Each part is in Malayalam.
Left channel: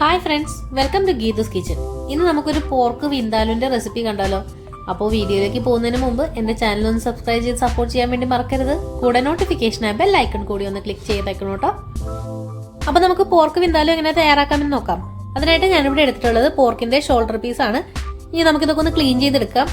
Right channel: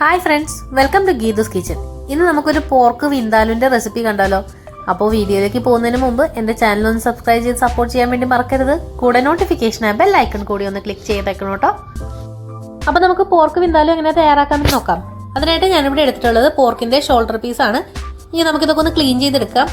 Hi friends welcome to Geetha's kitchen ഇന്ന് നമുക്കൊരു പോർക്ക് വിന്താലുവിന്റെ റെസിപ്പി കണ്ടാലോ? അപ്പോൾ വീഡിയോയിലേക്ക് പോകുന്നതിന് മുമ്പ് എന്റെ ചാനൽ ഒന്ന് സബ്സ്ക്രൈബ് ചെയ്ത് സപ്പോർട്ട് ചെയ്യാൻ വേണ്ടി മറക്കരുത്. കൂടെ നോട്ടിഫിക്കേഷൻ ബെൽ ഐക്കൺ കൂടി ഒന്ന് ക്ലിക്ക് ചെയ്തേക്കണം കേട്ടോ. അപ്പോൾ നമുക്ക് പോർക്ക് വിന്താലും എങ്ങനെ തയ്യാറാക്കാമെന്ന് നോക്കാം. അതിനായിട്ട് ഞാനിവിടെ എടുത്തിട്ടുള്ളത് പോർക്കിന്റെ ഷോൾഡർ പീസാണ് ഇനി നമുക്കിതൊക്കെ ഒന്ന് ക്ലീൻ ചെയ്തെടുക്കാം.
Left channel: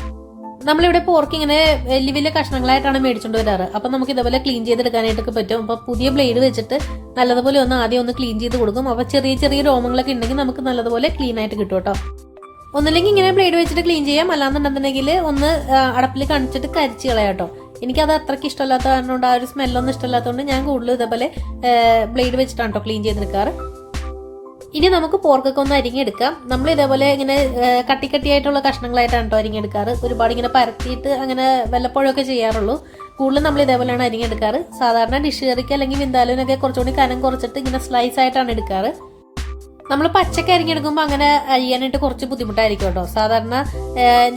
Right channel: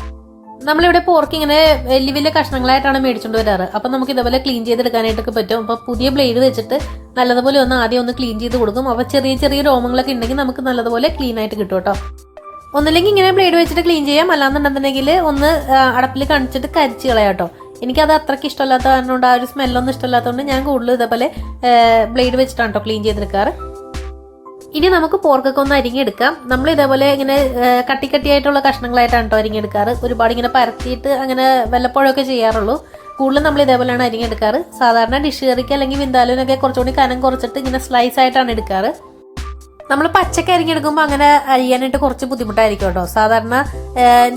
നമ്മളിവിടെ പോർക്ക് ഇങ്ങനെ വലിയ വലിയ കഷ്ണങ്ങളായിട്ടാണ് മേടിച്ചുകൊണ്ട് വരാറ്. അപ്പം നമുക്ക് ഇതേപോലെ ക്ലീൻ ചെയ്തെടുക്കാനായിട്ടൊക്കെ പറ്റും. അപ്പോൾ പുതിയ ബ്ലേഡ് വെച്ചിട്ട് നല്ലതുപോലെ ഒന്ന് ആദ്യം ഒന്ന് ക്ലീൻ ചെയ്ത് കൊടുക്കും. അപ്പോൾ ചെറിയ ചെറിയ രോമങ്ങളൊക്കെ ഉണ്ടെങ്കിൽ നമുക്ക് നല്ലതുപോലെ ക്ലീൻ ആയിട്ട് കിട്ടും കേട്ടോ. ഒന്നില്ലെങ്കിൽ ഇങ്ങനെ ബ്ലേഡ് വെച്ചിട്ട് ക്ലീൻ ചെയ്യാം. അല്ലാന്നുണ്ടെന്നുണ്ടെങ്കിൽ ഒന്ന് അടപ്പിൽ കണിച്ചിട്ട് കരിച്ച് കളയാം കേട്ടോ. എനിക്കത് അത്രയ്ക്ക് ഇഷ്ടമല്ലാത്ത കാരണം ആ ഒരു സ്മെല്ലൊന്നും ഇഷ്ടമല്ലാത്തതുകൊണ്ട് ഞാൻ കൂടുതലും ഇതേപോലെ ബ്ലേഡ് വെച്ചിട്ടാണ് കേട്ടോ ക്ലീൻ ചെയ്തെടുക്കാറ്. ഇനി നമുക്ക് പോർക്കൊക്കെ ഒന്ന് അരിഞ്ഞെടുക്കാം. നമ്മൾ ഇതേപോലെ ഇങ്ങനെ കട്ടി കട്ടിയായിട്ടുള്ള കഷ്ണങ്ങളായിട്ടാണ് കേട്ടോ അരിഞ്ഞെടുക്കാറ്. ഒരുപാട് ഇങ്ങനെ പരത്തിയിട്ട് അങ്ങനെ വല്ലപ്പോഴൊക്കെ ചെയ്യാറുള്ളൂ. കൂടുതലും നമ്മൾ ഇതേപോലെയാണ് അരിഞ്ഞെടുക്കാറ്. സാധാരണ ഡിഷ് കറിക്ക് അല്ലെങ്കിൽ വിന്താലിനൊക്കെ കുറച്ചുകൂടി കനം കുറച്ചിട്ട് ഇങ്ങനെ സ്ലൈസ് ആയിട്ടാണ് എടുക്കാറ്. നമ്മൾ പച്ചക്ക അരിഞ്ഞെടുക്കുമ്പോൾ അങ്ങനെ അരിയാനായിട്ട് കുറച്ച് ബുദ്ധിമുട്ടായിരിക്കും കേട്ടോ. സാധാരണ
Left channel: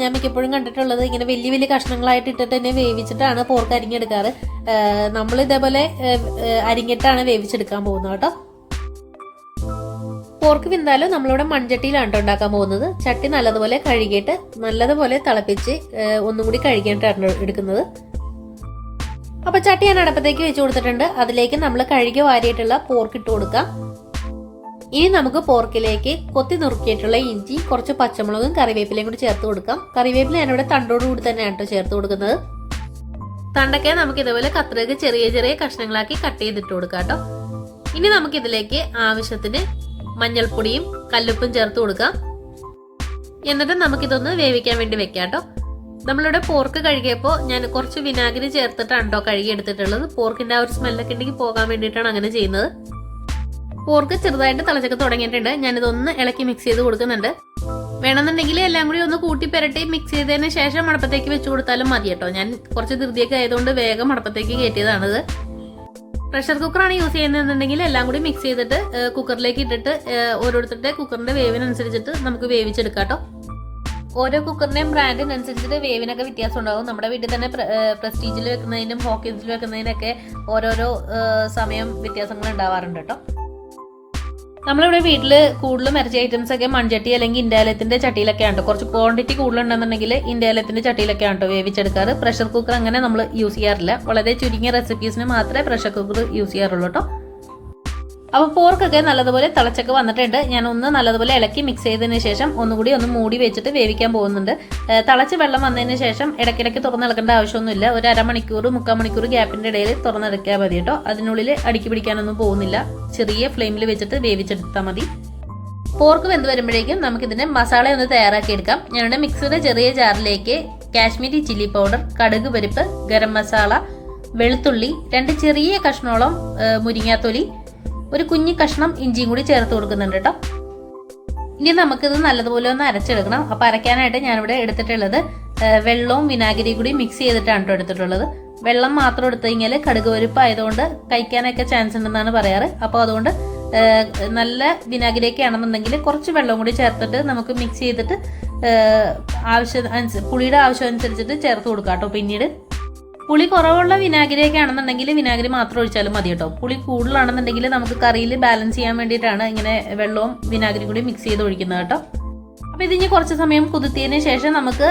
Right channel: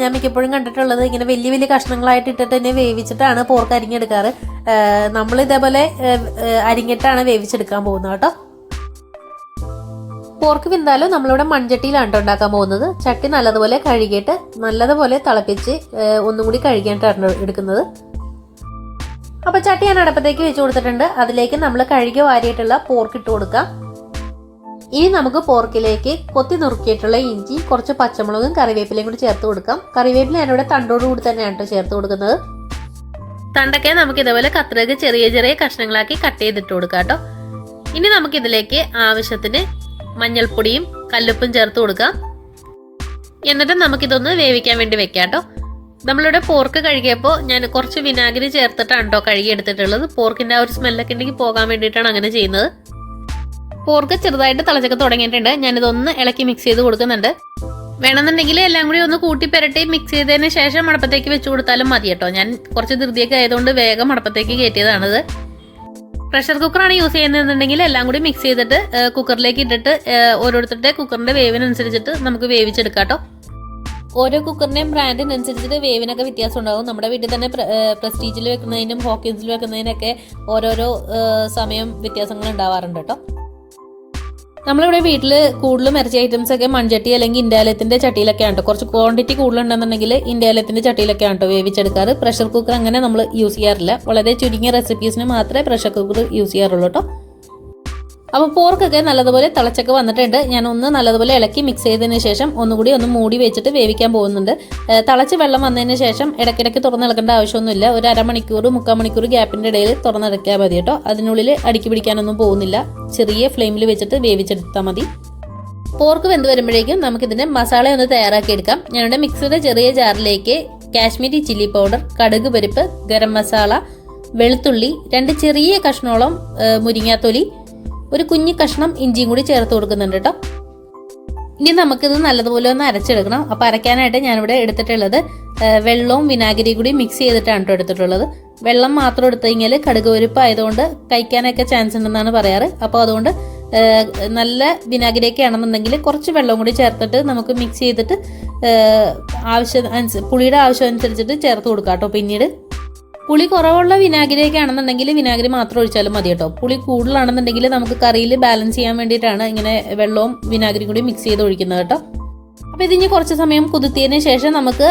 ഞാൻ മിക്കപ്പോഴും കണ്ടിട്ടുള്ളത് ഇങ്ങനെ വലിയ വലിയ കഷ്ണങ്ങളായിട്ട് ഇട്ടിട്ട് തന്നെ വേവിച്ചിട്ടാണ് പോർക്ക് അരിഞ്ഞെടുക്കാറ്. നമ്മൾ ഇതേപോലെ അരിഞ്ഞിട്ടാണ് വേവിച്ചെടുക്കാൻ പോകുന്നത് കേട്ടോ. പോർക്ക് വിന്താലോ നമ്മളിവിടെ മൺചട്ടിയിലാണ് ട്ടോ ഉണ്ടാക്കാൻ പോകുന്നത്. ചട്ടി നല്ലതുപോലെ കഴുകിയിട്ട് നല്ലതുപോലെ തിളപ്പിച്ച് ഒന്നും കൂടി കഴുകിയിട്ടാണ് എടുക്കുന്നത്. അപ്പൊ ചട്ടി ഞാൻ അടുപ്പത്തേക്ക് വെച്ച് കൊടുത്തിട്ടുണ്ട്. അതിലേക്ക് നമ്മൾ കഴുകി വാരിയിട്ടുള്ള പോർക്ക് ഇട്ട് കൊടുക്കാം. ഇനി നമുക്ക് പോർക്കിലേക്ക് കൊത്തി നുറുക്കിയിട്ടുള്ള ഇഞ്ചി കുറച്ച് പച്ചമുളകും കറിവേപ്പിലയും കൂടി ചേർത്ത് കൊടുക്കാം. കറിവേപ്പില ഞാനിവിടെ തണ്ടോട് കൂടി തന്നെയാണ് കേട്ടോ ചേർത്ത് കൊടുക്കുന്നത്. തണ്ടൊക്കെ നമുക്ക് ഇതേപോലെ കത്രിക ചെറിയ ചെറിയ കഷ്ണങ്ങളാക്കി കട്ട് ചെയ്തിട്ട് കൊടുക്കാം കേട്ടോ ഇനി നമുക്ക് ഇതിലേക്ക് ആവശ്യത്തിന് മഞ്ഞൾപ്പൊടിയും കല്ലുപ്പും ചേർത്ത് കൊടുക്കാം എന്നിട്ട് നമുക്കിതൊന്ന് വേവിക്കാൻ വേണ്ടി വെക്കാം കേട്ടോ. നമ്മളിവിടെ പോർക്ക് കഴുകിയപ്പോൾ ഞാൻ കുറച്ച് വിനാഗിരി ചേർത്തിട്ടാണ് കേട്ടോ കഴുകി എടുത്തിട്ടുള്ളത് പോർക്കിന്റെ ആ ഒരു സ്മെല്ലൊക്കെ ഉണ്ടെങ്കിൽ പോകാൻ വേണ്ടിയിട്ടാണ് അങ്ങനെ ചെയ്യുന്നത്. പോർക്ക് ചെറുതായിട്ട് തിളച്ചൊക്കെ തുടങ്ങിയിട്ടുണ്ട്. ഞാനിതൊന്ന് ഇളക്കി മിക്സ് ചെയ്ത് കൊടുക്കുന്നുണ്ട്. വേണമെന്നുണ്ടെങ്കിൽ എല്ലാം കൂടി ഒന്ന് കൂട്ടി പെരട്ടി മിക്സ് ചെയ്തതിന് ശേഷം മടപ്പത്തേക്ക് വെച്ച് കൊടുത്താലും മതി കേട്ടോ. ഞാൻ കുറച്ച് ധൃതിയൊക്കെ ആയതുകൊണ്ട് വേഗം മടപ്പത്തേക്ക് കയറ്റിയതാണിത്. പ്രഷർ കുക്കറാണ് യൂസ് ചെയ്യുന്നതെന്നുണ്ടെങ്കിൽ എല്ലാം കൂടി മിക്സ് ചെയ്തിട്ട് കുക്കറിലേക്ക് ഇട്ടിട്ട് ഓരോരുത്തരുടെ കുക്കറിന്റെ വേവിനനുസരിച്ചിട്ട് നമുക്ക് വേവിച്ചെടുക്കാം കേട്ടോ ഓരോ കുക്കറിന്റെയും ബ്രാൻഡിനനുസരിച്ചിട്ട് വേവിനൊക്കെ വ്യത്യാസം ഉണ്ടാകും. നമ്മുടെ വീട്ടിൽ തന്നെ പ്രസ്റ്റീജിൽ വെക്കുന്നതിനും ഹോക്കിൻസിൽ വെക്കുന്നതിനൊക്കെ ഓരോരോ സമയം വ്യത്യാസങ്ങൾ ഉണ്ടാവാറുണ്ട് കേട്ടോ നമ്മളിവിടെ വീട്ടിൽ കൂടുതലും ഇറച്ചി ഐറ്റംസ് ഒക്കെ മൺചട്ടി അല്ലെങ്കിൽ ഇന്ത്യാലയത്തിന്റെ ചട്ടിയിലൊക്കെ ആണ്? കുറച്ച് ക്വാണ്ടിറ്റി കൂടുതലുണ്ടെന്നുണ്ടെങ്കിൽ ഇന്ത്യാലയത്തിന്റെ ചട്ടിയിലൊക്കെയാണ് കേട്ടോ വേവിച്ചെടുക്കാറ്? പ്രഷർ കുക്കർ അങ്ങനെ നമ്മൾ യൂസ് ചെയ്യാറില്ല. വളരെ ചുരുങ്ങിയ റെസിപ്പീസിന് മാത്രമേ പ്രഷർ കുക്കർ യൂസ് ചെയ്യാറുള്ളൂ കേട്ടോ. അപ്പോൾ പോർക്കൊക്കെ നല്ലതുപോലെ തിളച്ചൊക്കെ വന്നിട്ടുണ്ട്. ഞാൻ ഒന്ന് നല്ലതുപോലെ ഇളക്കി മിക്സ് ചെയ്തതിന് ശേഷം ഒന്നുകൂടി ഒന്ന് മൂടി വെച്ചിട്ട് വേവിക്കാൻ പോകുന്നുണ്ട്. തിളച്ച് വെള്ളം വന്നതിന് ശേഷം ഇടയ്ക്കിടയ്ക്ക് തുറന്നിളക്കേണ്ട ആവശ്യമൊന്നുമില്ല. ഒരു അരമണിക്കൂർ മുക്കാൽ മണിക്കൂർ ഗ്യാപ്പിന്റെ ഇടയിൽ തുറന്നിറക്കിയാൽ മതി കേട്ടോ. അതിനുള്ളിൽ അടുക്കി പിടിക്കാനൊന്നും പോകുന്നില്ല. ചെറിയ ഫ്ലെയിമിൽ വെച്ചിട്ട് വേവിച്ചെടുത്താൽ മതി. പോർക്ക് വെന്ത് വരുമ്പോഴേക്കും നമുക്കിതിന്റെ മസാല ഒന്ന് തയ്യാറാക്കിയെടുക്കാം. ഞാനിവിടെ മിക്സിയുടെ ചെറിയ ജാറിലേക്ക് കാശ്മീരി ചില്ലി പൗഡർ കടുക് പരിപ്പ് ഗരം മസാല വെളുത്തുള്ളി രണ്ട് ചെറിയ കഷ്ണോളം മുരിങ്ങാത്തൊലി ഒരു കുഞ്ഞു കഷ്ണം ഇഞ്ചിയും കൂടി ചേർത്ത് കൊടുക്കുന്നുണ്ട് കേട്ടോ. ഇനി നമുക്കിത് നല്ലതുപോലെ ഒന്ന് അരച്ചെടുക്കണം. അപ്പൊ അരയ്ക്കാനായിട്ട് ഞാനിവിടെ എടുത്തിട്ടുള്ളത് വെള്ളവും വിനാഗിരിയും കൂടി മിക്സ് ചെയ്തിട്ടാണ് കേട്ടോ എടുത്തിട്ടുള്ളത്. വെള്ളം മാത്രം എടുത്തു കഴിഞ്ഞാൽ കടുക് ആയതുകൊണ്ട് കഴിക്കാനൊക്കെ ചാൻസ് ഉണ്ടെന്നാണ് പറയാറ്. അപ്പോൾ അതുകൊണ്ട് നല്ല വിനാഗിരിയൊക്കെ ആണെന്നുണ്ടെങ്കിൽ കുറച്ച് വെള്ളം കൂടി ചേർത്തിട്ട് നമുക്ക് മിക്സ് ചെയ്തിട്ട് ആവശ്യം പുളിയുടെ ആവശ്യം അനുസരിച്ചിട്ട് ചേർത്ത് കൊടുക്കാം കേട്ടോ പിന്നീട്. പുളി കുറവുള്ള വിനാഗിരിയൊക്കെ ആണെന്നുണ്ടെങ്കിൽ വിനാഗിരി മാത്രം ഒഴിച്ചാലും മതി കേട്ടോ. പുളി കൂടുതലാണെന്നുണ്ടെങ്കിൽ നമുക്ക് കറിയിൽ ബാലൻസ് ചെയ്യാൻ വേണ്ടിയിട്ടാണ് ഇങ്ങനെ വെള്ളവും വിനാഗിരിയും കൂടി മിക്സ് ചെയ്ത് ഒഴിക്കുന്നത് കേട്ടോ. അപ്പോൾ ഇതിന് കുറച്ച് സമയം കുതിർത്തിയതിന് ശേഷം നമുക്ക്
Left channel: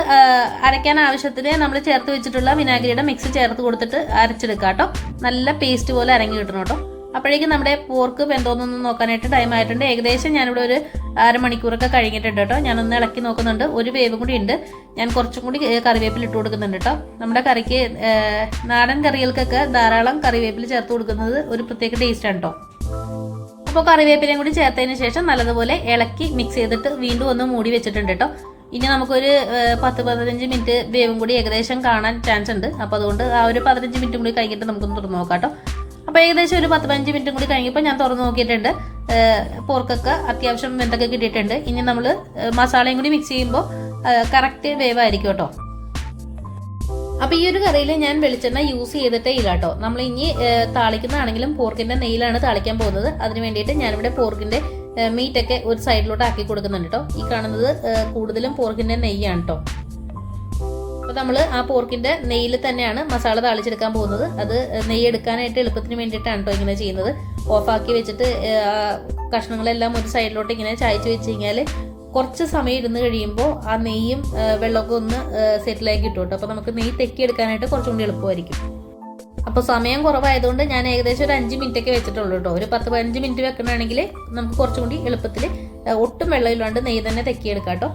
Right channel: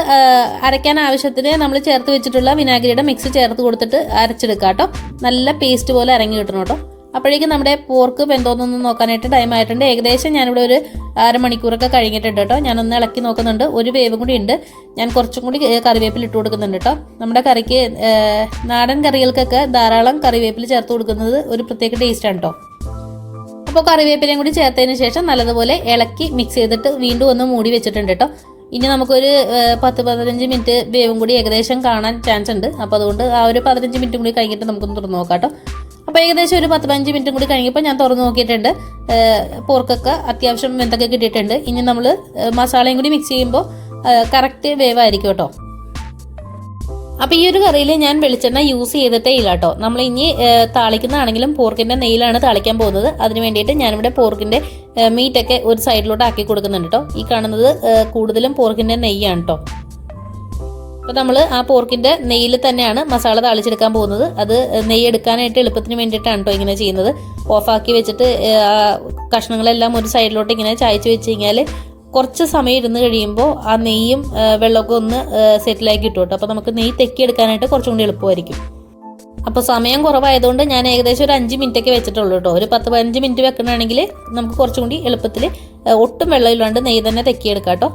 അരയ്ക്കാൻ ആവശ്യത്തിന് നമ്മൾ ചേർത്ത് വെച്ചിട്ടുള്ള വിനാഗിരിയുടെ മിക്സ് ചേർത്ത് കൊടുത്തിട്ട് അരച്ചെടുക്കാം കേട്ടോ. നല്ല പേസ്റ്റ് പോലെ അരങ്ങി കിട്ടണം കേട്ടോ. അപ്പോഴേക്കും നമ്മുടെ പോർക്ക് വെന്തോന്നൊന്ന് നോക്കാനായിട്ട് ടൈം ആയിട്ടുണ്ട്. ഏകദേശം ഞാനിവിടെ ഒരു അരമണിക്കൂറൊക്കെ കഴിഞ്ഞിട്ടുണ്ട് കേട്ടോ. ഞാനൊന്ന് ഇളക്കി നോക്കുന്നുണ്ട്. ഒരു വേവ് കൂടി ഉണ്ട്. ഞാൻ കുറച്ചും കൂടി കറിവേപ്പില ഇട്ട് കൊടുക്കുന്നുണ്ട് കേട്ടോ. നമ്മുടെ കറിക്ക് നാടൻ കറികൾക്കൊക്കെ ധാരാളം കറിവേപ്പില ചേർത്ത് കൊടുക്കുന്നത് ഒരു പ്രത്യേക ടേസ്റ്റാണ് കേട്ടോ. അപ്പോൾ കറിവേപ്പിലയും കൂടി ചേർത്തതിന് ശേഷം നല്ലതുപോലെ ഇളക്കി മിക്സ് ചെയ്തിട്ട് വീണ്ടും ഒന്ന് മൂടി വെച്ചിട്ടുണ്ട് കേട്ടോ. ഇനി നമുക്കൊരു പത്ത് പതിനഞ്ച് മിനിറ്റ് വേവും കൂടി ഏകദേശം കാണാൻ ചാൻസ് ഉണ്ട്. അപ്പോൾ അതുകൊണ്ട് ആ ഒരു പതിനഞ്ച് മിനിറ്റും കൂടി കഴിഞ്ഞിട്ട് നമുക്കൊന്ന് തുറന്നു നോക്കാം കേട്ടോ. അപ്പോൾ ഏകദേശം ഒരു പത്ത് പതിനഞ്ച് മിനിറ്റും കൂടി കഴിഞ്ഞപ്പോൾ ഞാൻ തുറന്ന് നോക്കിയിട്ടുണ്ട്. പോർക്കൊക്കെ അത്യാവശ്യം എന്തൊക്കെ കിട്ടിയിട്ടുണ്ട്. ഇനി നമ്മൾ മസാലയും കൂടി മിക്സ് ചെയ്യുമ്പോൾ കറക്റ്റ് വേവായിരിക്കും കേട്ടോ. അപ്പോൾ ഈ ഒരു കറിയിൽ ഞാൻ വെളിച്ചെണ്ണ യൂസ് ചെയ്തിട്ടേ ഇല്ല കേട്ടോ. നമ്മൾ ഇനി താളിക്കുന്നതാണെങ്കിലും പോർക്കിന്റെ നെയ്യിലാണ് താളിക്കാൻ പോകുന്നത്. അതിന് വേണ്ടിയിട്ട് ഞാനിവിടെ പോർക്കിന്റെ മീറ്റൊക്കെ ഒരു സൈഡിലോട്ട് ആക്കി കൊടുക്കുന്നുണ്ട് കേട്ടോ. ഈ കാണുന്നത് കൂടുതലും പോർക്കിന്റെ നെയ്യാണ് കേട്ടോ. അപ്പോൾ നമ്മൾ ആ പോർക്കിന്റെ നെയ്യിൽ തന്നെയാണ് മസാല താളിച്ചെടുക്കാൻ പോകുന്നത്. അത് നെയ്യ് എടുക്കാനായിട്ട് എളുപ്പത്തിന് വേണ്ടിയിട്ടാണ് കേട്ടോ ഇങ്ങനെ ചെയ്യുന്നത്. ഓഫാക്കി വെച്ചിട്ട് ആ കഷ്ണങ്ങളെല്ലാം ഒരു സൈഡിലോട്ട് ഇങ്ങനെ ചായച്ച് വെച്ച് കഴിഞ്ഞാൽ കുറച്ച് സമയം ഇരുന്ന് കഴിയുമ്പോൾ ആ നെയ്യും വെള്ളമൊക്കെ ഒന്ന് സെറ്റിലാക്കി കിട്ടും കേട്ടോ. അപ്പോൾ നമുക്ക് നെയ്യ് തെക്കിയെടുക്കാനായിട്ട് കുറച്ചും കൂടി എളുപ്പമായിരിക്കും. അപ്പോൾ സമയം കുറവായതുകൊണ്ട് ഞാൻ ഏകദേശം ഒരു അഞ്ച് മിനിറ്റൊക്കെ വെച്ചിട്ടുള്ളൂ കേട്ടോ. ഒരു പത്ത് പതിനഞ്ച് മിനിറ്റ് വെക്കണമെങ്കിൽ നമുക്ക് കുറച്ചും കൂടി എളുപ്പത്തിൽ ഒട്ടും വെള്ളമില്ലാണ്ട് നെയ്യ് തന്നെ തെക്കിയെടുക്കാം കേട്ടോ.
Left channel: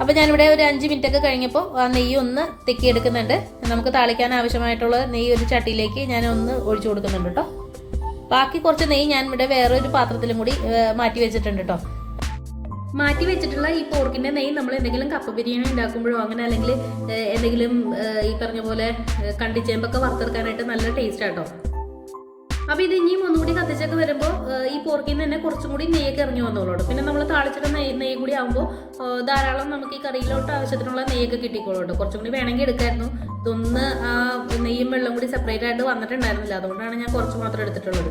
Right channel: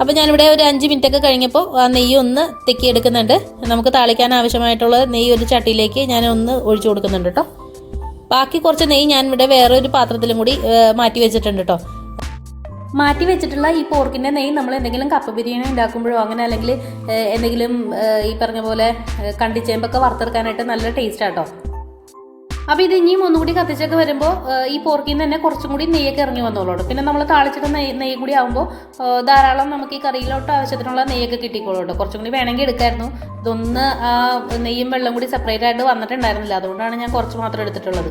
അപ്പോൾ ഞാനിവിടെ ഒരു അഞ്ച് മിനിറ്റ് ഒക്കെ കഴിഞ്ഞപ്പോൾ ആ നെയ്യ് ഒന്ന് തെക്കി എടുക്കുന്നുണ്ട് നമുക്ക് താളിക്കാൻ ആവശ്യമായിട്ടുള്ള നെയ്യ് ഒരു ചട്ടിയിലേക്ക് ഞാൻ ഒന്ന് ഒഴിച്ചു കൊടുക്കുന്നുണ്ട് കേട്ടോ. ബാക്കി കുറച്ച് നെയ്യ് ഞാൻ ഇവിടെ വേറൊരു പാത്രത്തിലും കൂടി മാറ്റി വെച്ചിട്ടുണ്ട് കേട്ടോ. മാറ്റി വെച്ചിട്ടുള്ള ഈ പോർക്കിന്റെ നെയ്യ് നമ്മൾ എന്തെങ്കിലും കപ്പ ബിരിയാണി ഉണ്ടാക്കുമ്പോഴോ അങ്ങനെ അല്ലെങ്കിൽ എന്തെങ്കിലും ഈ പറഞ്ഞ പോലെ കണ്ടിച്ചേമ്പൊക്കെ വറുത്തെടുക്കാനായിട്ട് നല്ല ടേസ്റ്റ് ആട്ടോ അപ്പോൾ ഇത് ഇനിയും ഒന്നുകൂടി കത്തിച്ചൊക്കെ വരുമ്പോൾ ഈ പോർക്കിൽ നിന്ന് തന്നെ കുറച്ചും കൂടി നെയ്യൊക്കെ ഇറങ്ങി വന്നോളൂ പിന്നെ നമ്മൾ താളിച്ചിട്ട് നെയ്യ് നെയ്യ് കൂടി ആകുമ്പോൾ ധാരാളം നമുക്ക് ഈ കറിയിലോട്ട് ആവശ്യത്തിനുള്ള നെയ്യൊക്കെ കിട്ടിക്കോളൂ കേട്ടോ കുറച്ചും കൂടി വേണമെങ്കിൽ എടുക്കായിരുന്നു. ഇതൊന്ന് ആ നെയ്യും വെള്ളം കൂടി സെപ്പറേറ്റ് ആയിട്ട് വന്നിട്ടുണ്ടായിരുന്നില്ല. അതുകൊണ്ടാണ് ഞാൻ കുറച്ച് മാത്രം എടുത്തിട്ടുള്ളത്.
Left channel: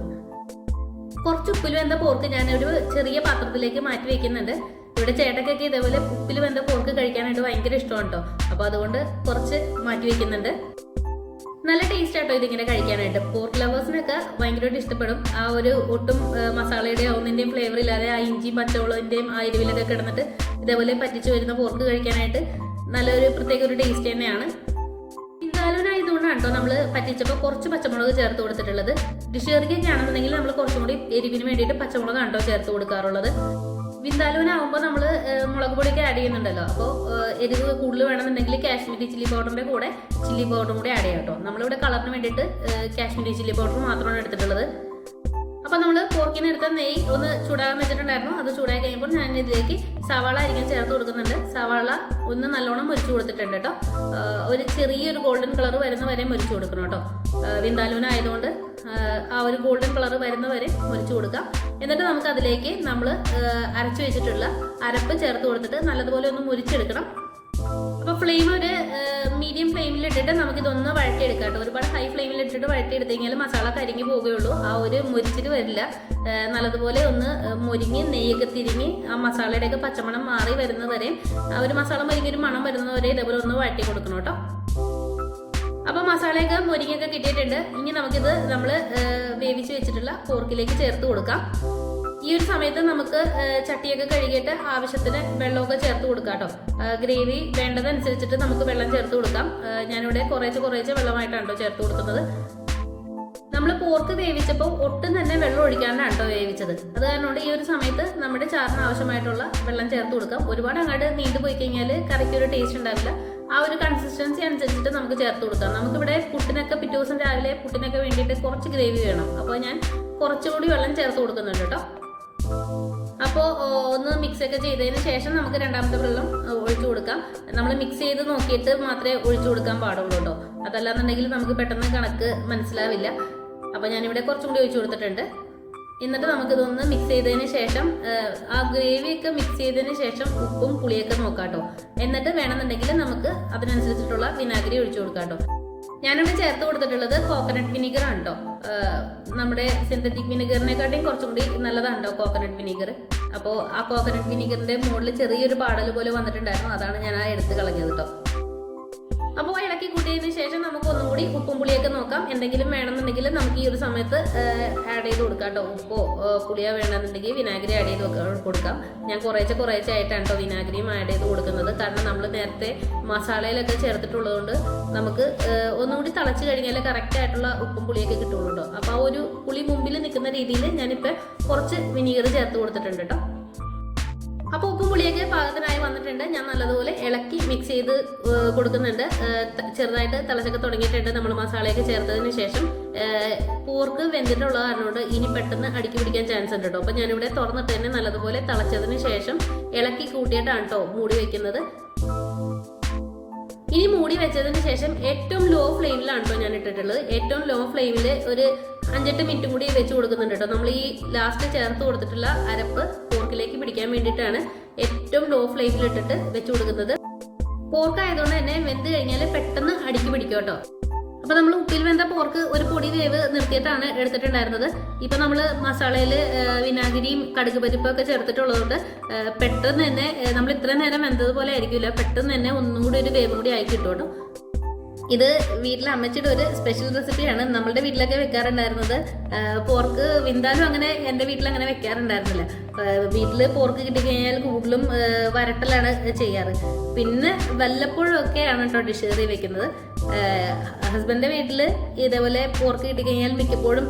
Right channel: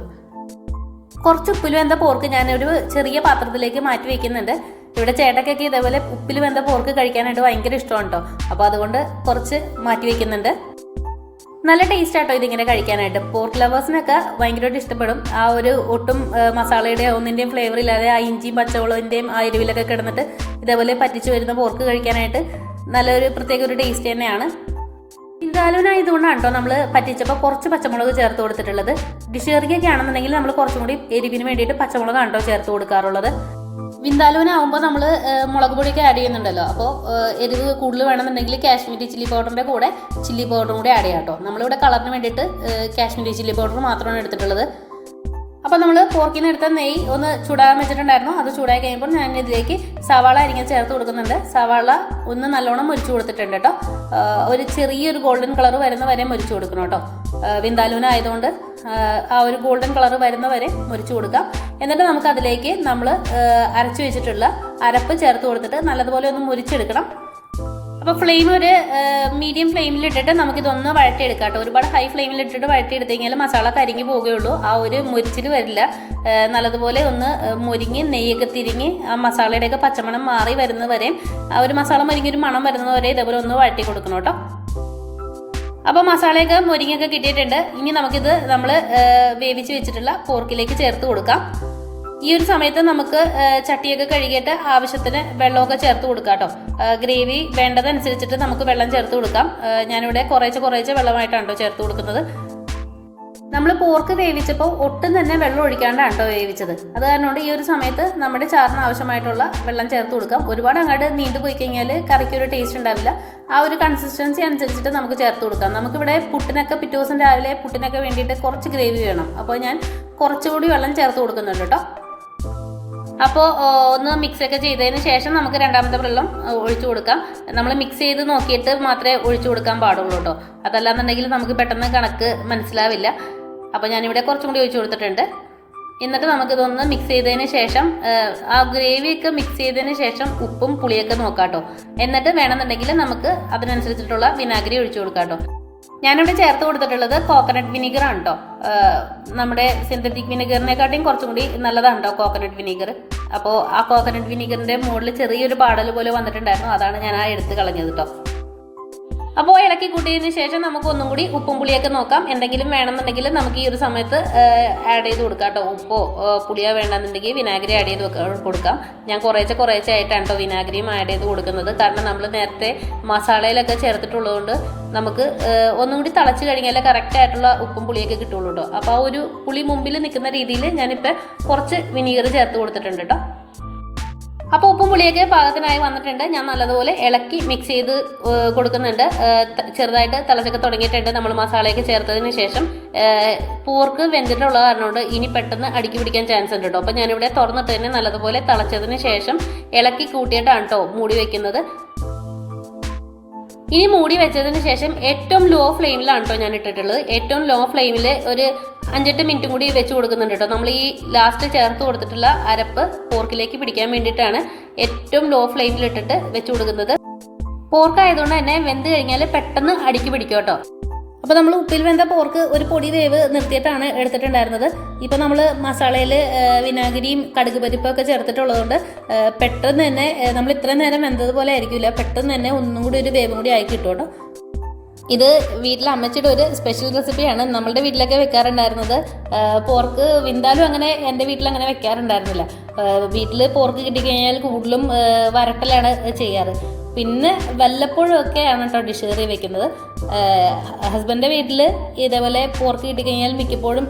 കുറച്ച് ഉപ്പിൽ വെന്ത പോർക്ക് ഞാനൊരു ചെറിയ പാത്രത്തിലേക്ക് മാറ്റി വെക്കുന്നുണ്ട്. ഇവിടെ ചേട്ടക്കൊക്കെ ഇതേപോലെ ഉപ്പിൽ വെന്ത പോർക്ക് കഴിക്കാനായിട്ട് ഭയങ്കര ഇഷ്ടമാണ് കേട്ടോ അപ്പോൾ അതുകൊണ്ട് കുറച്ച് മാറ്റി വെക്കുന്നുണ്ട്. നല്ല ടേസ്റ്റ് ആട്ടോ ഇതിങ്ങനെ കഴിക്കാനായിട്ട്. പോർക്ക് ലവേഴ്സിനൊക്കെ ഭയങ്കരമായിട്ട് ഇഷ്ടപ്പെടും. ആ ഒരു ഒട്ടും മസാലയുടെ ഒന്നിന്റെയും ഫ്ലേവർ ഇല്ലാതെ ആ ഇഞ്ചിയും പച്ചമുളകിന്റെയും ആ എരിവിലൊക്കെ കിടന്നിട്ട് ഇതേപോലെ പറ്റിച്ച് വരുന്ന പോർക്ക് കഴിക്കാനായിട്ട് നല്ലൊരു പ്രത്യേക ഒരു ടേസ്റ്റ് തന്നെയാണ്. ഇതാലോനായതുകൊണ്ടാണ് കേട്ടോ നമ്മൾ പറ്റിച്ചപ്പോൾ കുറച്ച് പച്ചമുളക് ചേർത്ത് കൊടുത്തിട്ടുള്ളത്. ഡിഷ് കറിക്കൊക്കെ ആണെന്നുണ്ടെങ്കിൽ നമ്മൾ കുറച്ചും കൂടി എരിവിന് വേണ്ടിയിട്ട് പച്ചമുളകാണ് കേട്ടോ ചേർത്ത് കൊടുക്കാറുള്ളത്. വിന്താലൂനാവുമ്പോൾ നമ്മൾ മുളക് പൊടിയൊക്കെ ആഡ് ചെയ്യുന്നുണ്ടല്ലോ. അപ്പോൾ എരിവ് കൂടുതൽ വേണമെന്നുണ്ടെങ്കിൽ കാശ്മീരി ചില്ലി പൗഡറിന്റെ കൂടെ ചില്ലി പൗഡറും കൂടി ആഡ് ചെയ്യാം കേട്ടോ നമ്മളിവിടെ കളറിന് വേണ്ടിയിട്ട് കാശ്മീരി ചില്ലി പൗഡർ മാത്രമാണ് എടുത്തിട്ടുള്ളത്. അപ്പോൾ നമ്മൾ പോർക്കിന് എടുത്ത നെയ്യ് ഒന്ന് ചൂടാകാൻ വെച്ചിട്ടുണ്ടായിരുന്നു. അത് ചൂടായി കഴിയുമ്പോൾ ഞാൻ ഇതിലേക്ക് സവാള അരിഞ്ഞ് ചേർത്ത് കൊടുക്കുന്നുണ്ട്. സവാള ഒന്ന് നല്ലോണം മുരിച്ചു കൊടുത്തിട്ടുണ്ട് കേട്ടോ. ഒരു ചെറിയൊരു ഗോൾഡൻ കളർ വരുന്ന വരെ മുരിച്ചു കൊടുക്കണം കേട്ടോ. വിന്താലൂന ആയതുകൊണ്ട് ആ ഒരു ഗോൾഡൻ കളർ വരുന്ന വരെ മുരിച്ചു കൊടുക്കാം. എന്നിട്ട് നമുക്ക് അതിലേക്ക് നമ്മൾ അരച്ചു വെച്ചിട്ടുള്ള അരപ്പ് ചേർത്ത് കൊടുത്തിട്ട് നല്ലതുപോലെ ഒന്ന് മുരിച്ചെടുക്കണം. അപ്പോൾ ഫ്ലെയിം ഒരു മീഡിയം ഫ്ലെയിമിൽ ഇട്ടിട്ട് നമുക്കിതൊന്ന് വഴറ്റിയെടുക്കാം കേട്ടോ. ഒരുപാട് ഹൈ ഫ്ലെയിമിൽ ഇട്ടിട്ട് വഴറ്റിയെടുത്ത് കഴിഞ്ഞാൽ മസാല കരിഞ്ഞു പോവുകയുള്ളൂ ആ ഒരു മുരിച്ചിൽ വരില്ല. നല്ലതുപോലെ ഒന്ന് മുരിങ്ങി നെയ്യൊക്കെ തിരിങ്ങി ആ മസാലയുടെയൊക്കെ പച്ചമണം മാറി വരുന്നത് വരെയും ആ ഒരു മസാല മുരിങ്ങി ഒരു മണം വരുന്നത് വരെ ഇതേപോലെ ഒന്ന് വഴറ്റി കൊടുക്കണം കേട്ടോ. അപ്പോൾ മസാലയൊക്കെ മുരിങ്ങയൊക്കെ കിട്ടിയിട്ടുണ്ട്. ഇനി നമുക്കിത് നമ്മൾ വേവിച്ച് വെച്ചിട്ടുള്ള പോർക്കിലേക്ക് ചേർത്ത് കൊടുക്കാം. ഈ ഒരു സമയത്ത് നമുക്ക് ചട്ടിയൊക്കെ കഴുകിയിട്ട് ആവശ്യത്തിന് വെള്ളമൊക്കെ ചേർത്ത് കൊടുക്കാം കേട്ടോ. ഗ്രേവി വേണ്ടതനുസരിച്ചിട്ട് നമുക്ക് വെള്ളം ചേർത്ത് കൊടുക്കാം. ഞാനിവിടെ കുറേശ്ശെ കുറേശ്ശെ വെള്ളമായിട്ടാണ് കേട്ടോ ചേർത്ത് കൊടുക്കുന്നത്. നമ്മൾ പോർക്ക് വേവിച്ചപ്പോൾ ഒട്ടും തന്നെ വെള്ളം ഒഴിക്കാണ്ടാണ് കേട്ടോ വേവിച്ചത്. അത് കാരണം ഈ ഒരു സമയത്ത് നമ്മുടെ ചാറിന് ആവശ്യമായിട്ടുള്ള വെള്ളം ചേർത്ത് കൊടുക്കാം. ഒരുപാട് അങ്ങോട്ട് നീണ്ടു പോയി കഴിഞ്ഞാൽ കറിക്ക് ഒരു ടേസ്റ്റ് ഉണ്ടാവില്ല. ആ ഒരു കൺസിസ്റ്റൻസി അനുസരിച്ചിട്ട് നമുക്ക് ചേർത്ത് കൊടുക്കാം. നമുക്കിവിടെ പുട്ടിനൊക്കെ പിറ്റേ ദിവസം രാവിലെ പുട്ടിനൊക്കെ വേണ്ടിയിട്ട് കുറച്ച് ഗ്രേവി വേണം. അപ്പോൾ ഞാൻ കുറച്ചുകൂടി വെള്ളം ചേർത്ത് കൊടുക്കുന്നുണ്ട് കേട്ടോ. അപ്പോൾ ഒന്ന് മിക്സ് ഒക്കെ ചെയ്തതിന് ശേഷം നമുക്ക് രണ്ടാമത്തെ വെള്ളം ഒഴിച്ചു കൊടുക്കാം. നമ്മൾ മിക്സ് ചെയ്ത് നോക്കിയിട്ട് മാത്രമേ ഒഴിച്ചു കൊടുക്കാൻ പാടുള്ളൂ കേട്ടോ. അതല്ലാന്നുണ്ടെങ്കിൽ നമുക്ക് പെട്ടെന്ന് കണക്ക് മനസ്സിലാവില്ല. അപ്പോൾ ഞാനിവിടെ കുറച്ചും കൂടി ഒഴിച്ചു കൊടുത്തിട്ടുണ്ട്. എന്നിട്ട് നമുക്കിതൊന്ന് മിക്സ് ചെയ്തതിന് ശേഷം ആ ഗ്രേവിയൊക്കെ മിക്സ് ചെയ്തതിന് ശേഷം ഉപ്പും പുളിയൊക്കെ നോക്കാം കേട്ടോ. എന്നിട്ട് വേണമെന്നുണ്ടെങ്കിൽ നമുക്ക് അതിനനുസരിച്ചിട്ടുള്ള വിനാഗിരി ഒഴിച്ചു കൊടുക്കാം കേട്ടോ. ഞാനിവിടെ ചേർത്ത് കൊടുത്തിട്ടുള്ളത് കോക്കനട്ട് വിനീഗർ ആണ് നമ്മുടെ സിന്തറ്റിക് വിനീഗറിനെക്കാട്ടിയും കുറച്ചും കൂടി നല്ലതാണ് കോക്കനട്ട് വിനീഗർ അപ്പോൾ ആ കോക്കനട്ട് വിനീഗറിന്റെ മുകളിൽ ചെറിയൊരു പാടൽ പോലെ വന്നിട്ടുണ്ടായിരുന്നു. അതാണ് ഞാൻ ആ എടുത്ത് കളഞ്ഞത് കേട്ടോ അപ്പോൾ ഇളക്കി കൂട്ടിയതിന് ശേഷം നമുക്ക് ഒന്നും കൂടി ഉപ്പും പുളിയൊക്കെ നോക്കാം. എന്തെങ്കിലും വേണമെന്നുണ്ടെങ്കിൽ നമുക്ക് ഈ ഒരു സമയത്ത് ആഡ് ചെയ്ത് കൊടുക്കാം കേട്ടോ. ഉപ്പോ പുളിയോ വേണമെന്നുണ്ടെങ്കിൽ വിനാഗിരി ആഡ് ചെയ്ത് കൊടുക്കാം. ഞാൻ കുറേശ്ശെ കുറേശ്ശെ ആയിട്ടാണ് കേട്ടോ വിനാഗിരിയും ആഡ് ചെയ്ത് കൊടുക്കുന്നത്. കാരണം നമ്മൾ നേരത്തെ മസാലയിലൊക്കെ ചേർത്തിട്ടുള്ളതുകൊണ്ട് നമുക്ക് ഒന്നും കൂടി തിളച്ച് കഴിഞ്ഞാൽ കറക്റ്റ് ആയിട്ടുള്ള ഉപ്പും പുളിയൊക്കെ കിട്ടുള്ളൂ കേട്ടോ അപ്പോൾ ആ ഒരു പുളി മുമ്പിൽ നിൽക്കുന്ന രീതിയിൽ ഞാനിപ്പോൾ കുറച്ച് വിനീഗർ ചേർത്ത് കൊടുത്തിട്ടുണ്ട് കേട്ടോ അപ്പോൾ ഉപ്പും പുളിയൊക്കെ പാകത്തിനായി വന്നിട്ടുണ്ട്. ഞാൻ നല്ലതുപോലെ ഇളക്കി മിക്സ് ചെയ്ത് കൊടുക്കുന്നുണ്ട്. ചെറുതായിട്ട് തിളച്ചൊക്കെ തുടങ്ങിയിട്ടുണ്ട്. നമ്മൾ മസാലയൊക്കെ ചേർത്തതിന് ശേഷം പോർക്ക് വെന്തിട്ടുള്ള കാരണം ഇനി പെട്ടെന്ന് അടുക്കി പിടിക്കാൻ ചാൻസ് ഉണ്ട് കേട്ടോ അപ്പോൾ ഞാനിവിടെ തുറന്നിട്ട് തന്നെ നല്ലതുപോലെ തിളച്ചതിന് ശേഷം ഇളക്കി കൂട്ടിയിട്ടാണ് കേട്ടോ മൂടി വയ്ക്കുന്നത് ഇനി മൂടി വെച്ചതിന് ശേഷം ഏറ്റവും ലോ ഫ്ലെയിമിലാണ് കേട്ടോ ഞാൻ ഇട്ടിട്ടുള്ളത്. ഏറ്റവും ലോ ഫ്ലെയിമിൽ ഒരു അഞ്ചെട്ട് മിനിറ്റും കൂടി വെച്ച് കൊടുക്കുന്നുണ്ട് കേട്ടോ. നമ്മൾ ഈ ലാസ്റ്റ് ചേർത്ത് കൊടുത്തിട്ടുള്ള അരപ്പ് പോർക്കിലേക്ക് പിടിക്കാൻ വേണ്ടിയിട്ടാണ് ഏറ്റവും ലോ ഫ്ലെയിമിൽ ഇട്ടിട്ട് വെച്ച് കൊടുക്കുന്നത്. പോർക്ക് ആയതുകൊണ്ട് തന്നെ വെന്ത് കഴിഞ്ഞാൽ പെട്ടെന്ന് അടിക്ക് പിടിക്കും കേട്ടോ. അപ്പോൾ നമ്മൾ ഉപ്പിൽ വെന്ത പോർക്ക് ഒരു പൊടി വേവ് നിർത്തിയിട്ടാണ് എടുത്തിട്ടുണ്ടായിരുന്നത്. ഇപ്പോൾ നമ്മൾ മസാലയിൽ വിനാഗിരിയും കടുക് പരിപ്പൊക്കെ ചേർത്തിട്ടുള്ളതുകൊണ്ട് പെട്ടെന്ന് തന്നെ നമ്മൾ ഇത്രയും നേരം വെന്തതുപോലെ ആയിരിക്കില്ല. പെട്ടെന്ന് തന്നെ ഒന്നും കൂടി ഒരു വേവും കൂടി ആയി കിട്ടും കേട്ടോ. ഇത് വീട്ടിലെ അമ്മച്ചിയുടെ ഒരു സ്പെഷ്യൽ റെസിപ്പിയാണ് നമ്മളുടെ വീട്ടിലൊക്കെ വെക്കാറുണ്ടായിരുന്നത്. പോർക്ക് വിന്താലും അങ്ങനെ എന്റെ വീട്ടിൽ അങ്ങനെ വെക്കാറുണ്ടായിരുന്നില്ല. വീട്ടിൽ പോർക്ക് കിട്ടിക്കഴിഞ്ഞാൽ കൂടുതലും വരട്ടലാണ് ചെയ്യാറ്. പിന്നെ വല്ലപ്പോഴും ഒക്കെയാണ് കേട്ടോ ഡിഷ് കറി വെക്കുന്നത്. ഹസ്ബൻഡിന്റെ വീട്ടിൽ ഇതേപോലെ പോർക്ക് കിട്ടിക്കഴിഞ്ഞാൽ മിക്കപ്പോഴും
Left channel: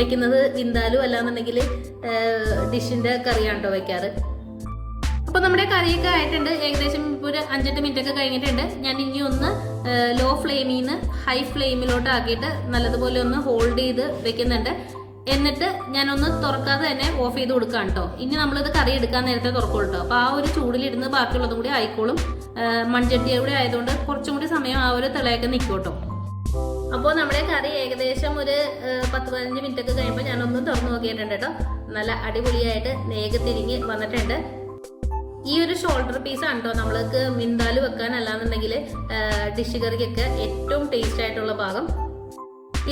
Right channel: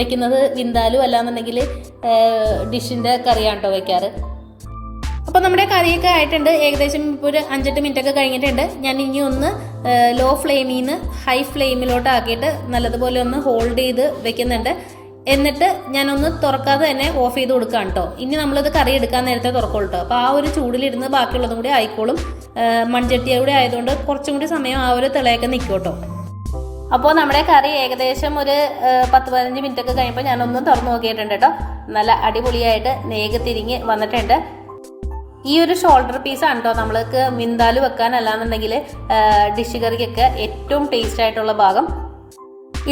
വെക്കുന്നത് വിന്താലും അല്ലാന്നുണ്ടെങ്കിൽ ഡിഷിന്റെ കറിയാണ് കേട്ടോ വെക്കാറ്. അപ്പോൾ നമ്മുടെ കറിയൊക്കെ ആയിട്ടുണ്ട്. ഏകദേശം ഇപ്പോൾ ഒരു അഞ്ചെട്ട് മിനിറ്റ് ഒക്കെ കഴിഞ്ഞിട്ടുണ്ട്. ഞാൻ ഇനി ഒന്ന് ലോ ഫ്ലെയിമിൽ നിന്ന് ഹൈ ഫ്ലെയിമിലോട്ട് ആക്കിയിട്ട് നല്ലതുപോലെ ഒന്ന് ഹോൾഡ് ചെയ്ത് വെക്കുന്നുണ്ട്. എന്നിട്ട് ഞാനൊന്ന് തുറക്കാതെ തന്നെ ഓഫ് ചെയ്ത് കൊടുക്കാം കേട്ടോ ഇനി നമ്മളിത് കറി എടുക്കാൻ നേരത്തെ തുറക്കുള്ളൂ കേട്ടോ അപ്പോൾ ആ ഒരു ചൂടിലിരുന്ന് ബാക്കിയുള്ളതും കൂടി ആയിക്കോളും. മൺചട്ടിയ കൂടി ആയതുകൊണ്ട് കുറച്ചും കൂടി സമയം ആ ഒരു തിളയൊക്കെ നിൽക്കും കേട്ടോ അപ്പോൾ നമ്മുടെ കറി ഏകദേശം ഒരു പത്ത് പതിനഞ്ച് മിനിറ്റ് ഒക്കെ കഴിയുമ്പോൾ ഞാനൊന്ന് തുറന്നു നോക്കിയിട്ടുണ്ട് കേട്ടോ നല്ല അടിപൊളിയായിട്ട് നേക്ക് തിരിഞ്ഞ് വന്നിട്ടുണ്ട്. ഈ ഒരു ഷോൾഡർ പീസ് ആണ് കേട്ടോ നമ്മൾക്ക് മിന്താൽ വെക്കാൻ അല്ലാന്നുണ്ടെങ്കിൽ ഡിഷ് കറിക്കൊക്കെ ഏറ്റവും ടേസ്റ്റ് ആയിട്ടുള്ള ഭാഗം.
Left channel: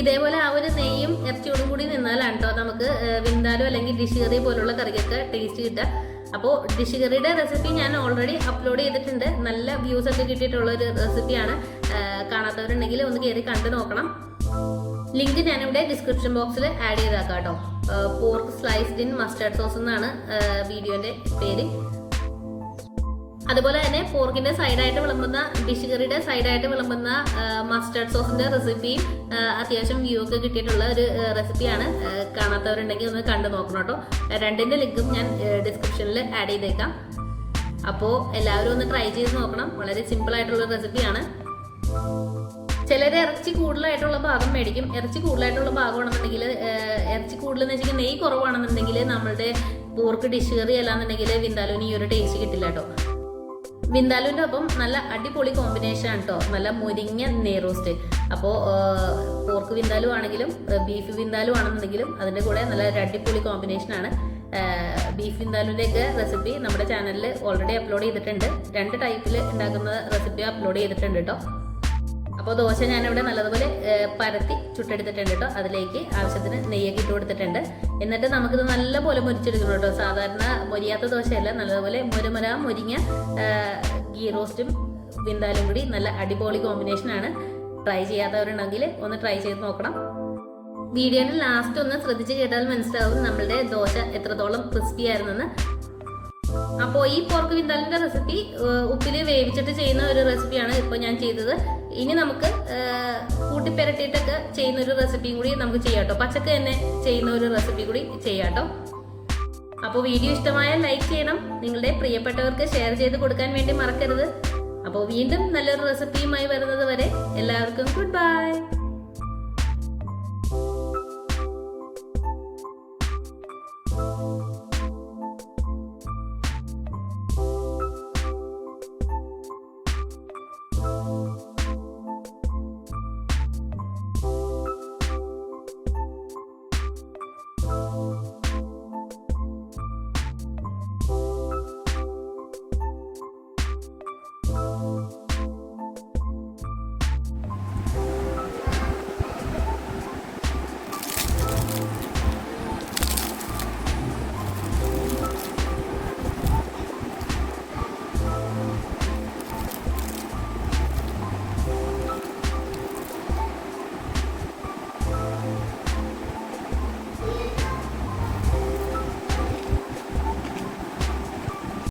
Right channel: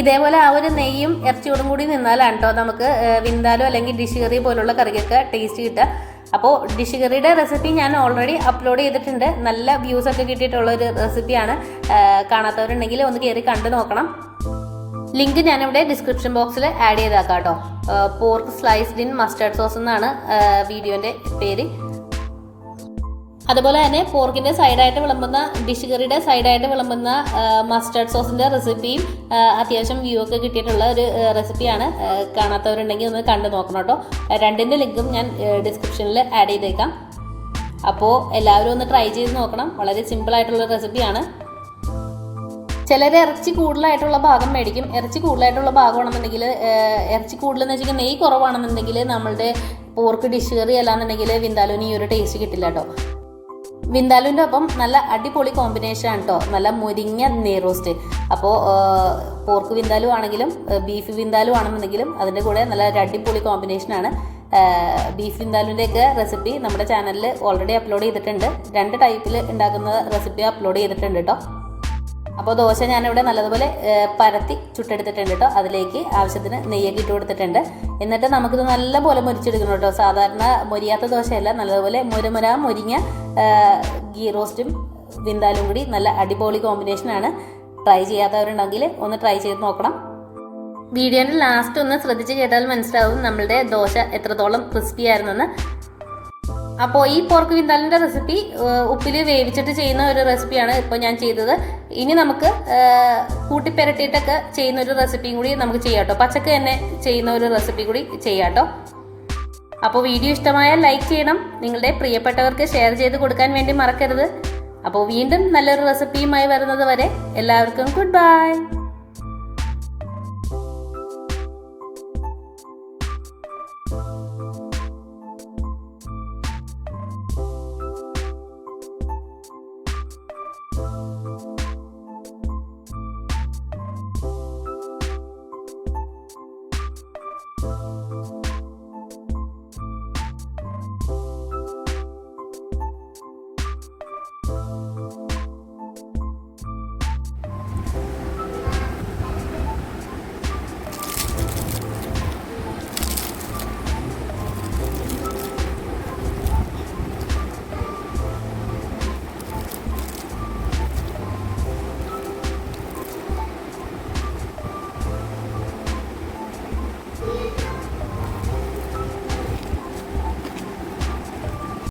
ഇതേപോലെ ആ ഒരു നെയ്യും ഇറച്ചിയോടും കൂടി നിന്നാലാണ് കേട്ടോ നമുക്ക് വിന്താലോ അല്ലെങ്കിൽ ഡിഷ് കറി പോലുള്ള കറിക്കൊക്കെ ടേസ്റ്റ് കിട്ടുക. അപ്പോൾ ഡിഷ് കറിയുടെ റെസിപ്പി ഞാൻ ഓൾറെഡി അപ്ലോഡ് ചെയ്തിട്ടുണ്ട്. നല്ല വ്യൂസ് ഒക്കെ കിട്ടിയിട്ടുള്ള ഒരു റെസിപ്പിയാണ് കാണാത്തവരുണ്ടെങ്കിൽ ഒന്ന് കയറി കണ്ടു നോക്കണം. ലിങ്ക് ഞാനിവിടെ ഡിസ്ക്രിപ്ഷൻ ബോക്സിൽ ആഡ് ചെയ്താക്കാം കേട്ടോ pork sliced in mustard sauce എന്നാണ് വീഡിയോന്റെ പേര്. അതുപോലെ തന്നെ പോർക്കിന്റെ സൈഡായിട്ട് വിളമ്പുന്ന ഡിഷ് കറിയുടെ സൈഡായിട്ട് വിളമ്പുന്ന മസ്റ്റർഡ് സോസിന്റെ റെസിപ്പിയും അത്യാവശ്യം വ്യൂ ഒക്കെ കിട്ടിയിട്ടുള്ള ഒരു റെസിപ്പിയാണ് കാണാത്തവരുണ്ടെങ്കിൽ ഒന്ന് കണ്ടു നോക്കണം കേട്ടോ. രണ്ടിന്റെ ലിങ്കും ഞാൻ ഡിസ്ക്രിപ്ഷനിൽ ആഡ് ചെയ്തേക്കാം. അപ്പോൾ എല്ലാവരും ഒന്ന് ട്രൈ ചെയ്ത് നോക്കണം. വളരെ സിമ്പിൾ ആയിട്ടുള്ള റെസിപ്പിയാണ് ചിലർ ഇറച്ചി കൂടുതലായിട്ടുള്ള ഭാഗം മേടിക്കും. ഇറച്ചി കൂടുതലായിട്ടുള്ള ഭാഗമാണെന്നുണ്ടെങ്കിൽ ഇറച്ചി കൂടുതലെന്ന് വെച്ചാൽ നെയ്യ് കുറവാണെന്നുണ്ടെങ്കിൽ നമ്മളുടെ പോർക്ക് ഡിഷ് കറി അല്ലാന്നുണ്ടെങ്കിൽ വിന്താലോനി ഈ ഒരു ടേസ്റ്റ് കിട്ടില്ല കേട്ടോ. വിന്താലുവിന്റെ ഒപ്പം നല്ല അടിപൊളി കോമ്പിനേഷൻ ആണ് കേട്ടോ നല്ല മുരിങ്ങ നെയ് റോസ്റ്റ് അപ്പോൾ പോർക്ക് വിന്താലു ആണെങ്കിലും ബീഫ് വിന്താലു ആണെന്നുണ്ടെങ്കിലും അതിന്റെ കൂടെ നല്ല ഒരു അടിപൊളി കോമ്പിനേഷനാണ് ബീഫ് വിന്താലുവിന്റെയൊക്കെ റെസിപ്പി നമ്മുടെ ചാനലിൽ ഓൾറെഡി അപ്ലോഡ് ചെയ്തിട്ടുണ്ട്. രണ്ട് ടൈപ്പിൽ ഉണ്ടാക്കുന്ന റെസിപ്പി അപ്ലോഡ് ചെയ്തിട്ടുണ്ട് കേട്ടോ അപ്പോൾ ദോശ ഞാനിവിടെ നല്ലതുപോലെ പരത്തി ചുട്ടെടുത്തിട്ടുണ്ട് കേട്ടോ അതിലേക്ക് ആവശ്യത്തിന് നെയ്യൊക്കെ ഇട്ട് കൊടുത്തിട്ടുണ്ട്. എന്നിട്ട് നമുക്കിത് നല്ലപോലെ മുരിച്ചെടുക്കണം കേട്ടോ സാധാരണ മൊരിയാത്ത ദോശയല്ല നല്ലതുപോലെ മുരമുര മുരിങ്ങ ഗീ റോസ്റ്റും വിന്താലും കൂടി നല്ല അടിപൊളി കോമ്പിനേഷനാണ് ട്രൈ ചെയ്യാത്തവരുണ്ടെങ്കിൽ ഒന്ന് ട്രൈ ചെയ്ത് നോക്കണം. വീഡിയോയുടെ ലാസ്റ്റ് ഒന്ന് ശ്രദ്ധിച്ച് കേട്ടാൽ മനസ്സിലാവും നമ്മളുടെ ദോശ എത്രത്തോളം ക്രിസ്പി ആയിരുന്നെന്ന്. അപ്പോൾ ഈ പോർക്ക് വിന്താലിന്റെ റെസിപ്പി ഉപ്പിൽ വേവിച്ചിട്ട് ചെയ്യുന്ന ഒരു റെസിപ്പിയാണ് ഇപ്പോൾ ഞാൻ ചെയ്തത്. ഇനി നമുക്ക് കൂട്ടിപ്പെരട്ടിയിട്ടൊക്കെ ചെയ്യുന്ന ഒരു റെസിപ്പിയും കൂടി നമുക്ക് ചെയ്യാം കേട്ടോ. പച്ചക്ക് തന്നെ ചെയ്യുന്ന ഒരു റെസിപ്പി കൂടി ചെയ്യാം കേട്ടോ. അപ്പോൾ വീഡിയോ ഇഷ്ടമായാൽ ലൈക്ക് ചെയ്യണം. നിങ്ങളുടെ പ്രിയപ്പെട്ടവർക്ക് ഷെയർ ചെയ്ത് കൊടുക്കാൻ വേണ്ടി മറക്കരുത്. അപ്പോൾ വീണ്ടും നല്ലൊരു റെസിപ്പിയുമായി വരുന്നത് വരെ എല്ലാവർക്കും ഗുഡ് ബൈ